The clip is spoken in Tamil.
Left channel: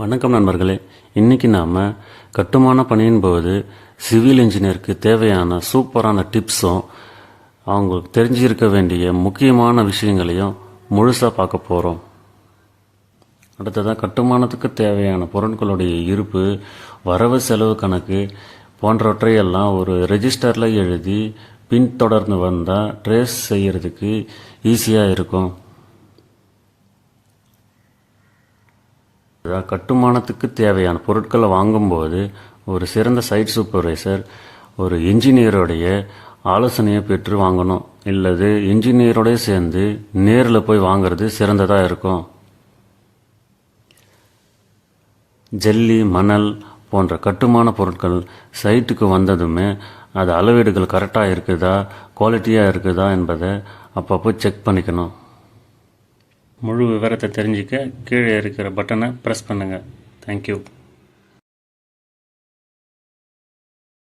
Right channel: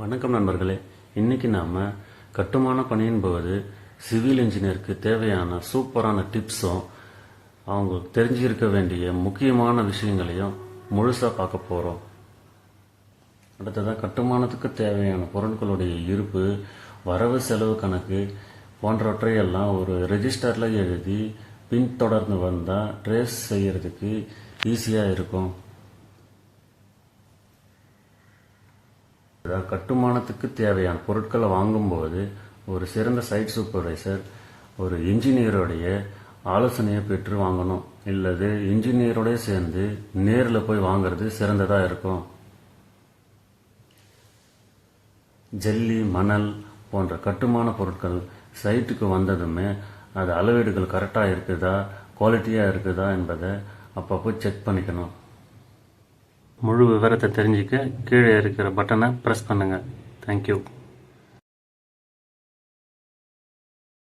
வணக்கம் நண்பர்களே. இன்றைக்கி நாம் கட்டுமான பணியின் போது சிவில் இன்ஜினியருக்கு தேவையான சூப்பரான டிப்ஸும் அவங்களுக்கு தெரிஞ்சிருக்க வேண்டிய முக்கியமான விஷயங்களையும் முழுசாக பார்க்க போகிறோம். அடுத்ததாக கட்டுமானத்துக்கு தேவையான பொருட்களுடைய இருப்பு, வரவு செலவு கணக்கு போன்றவற்றையெல்லாம் ஒரு ரெஜிஸ்டரில் எழுதி பின்தொடர்ந்து வந்தால் ட்ரேஸ் செய்கிறதுக்கு ஈஸியாக இருக்கும். கட்டுமானத்துக்கு தேவையான பொருட்களை வாங்கும்போது ஒரு சிறந்த சைட் சூப்பர்வைசர், ஒரு இன்ஜினியருடைய ஆலோசனையை பெற்று வாங்கணும். இல்லது இன்ஜினியரோடய சேர்ந்து நேரில் போய் வாங்கிறது சிறந்ததாக இருக்கும். ஜல்லி, மணல் போன்ற கட்டுமான பொருட்கள் சைட்டுக்கு வந்ததுமே அது அளவீடுகள் கரெக்டாக இருக்குதா, குவாலிட்டியாக இருக்குதா என்பதை அப்பப்போ செக் பண்ணிக்கணும். முழு விவரத்தை தெரிஞ்சிக்க கீழே இருக்கிற பட்டனை ப்ரெஸ் பண்ணுங்கள். தேங்க்யூ.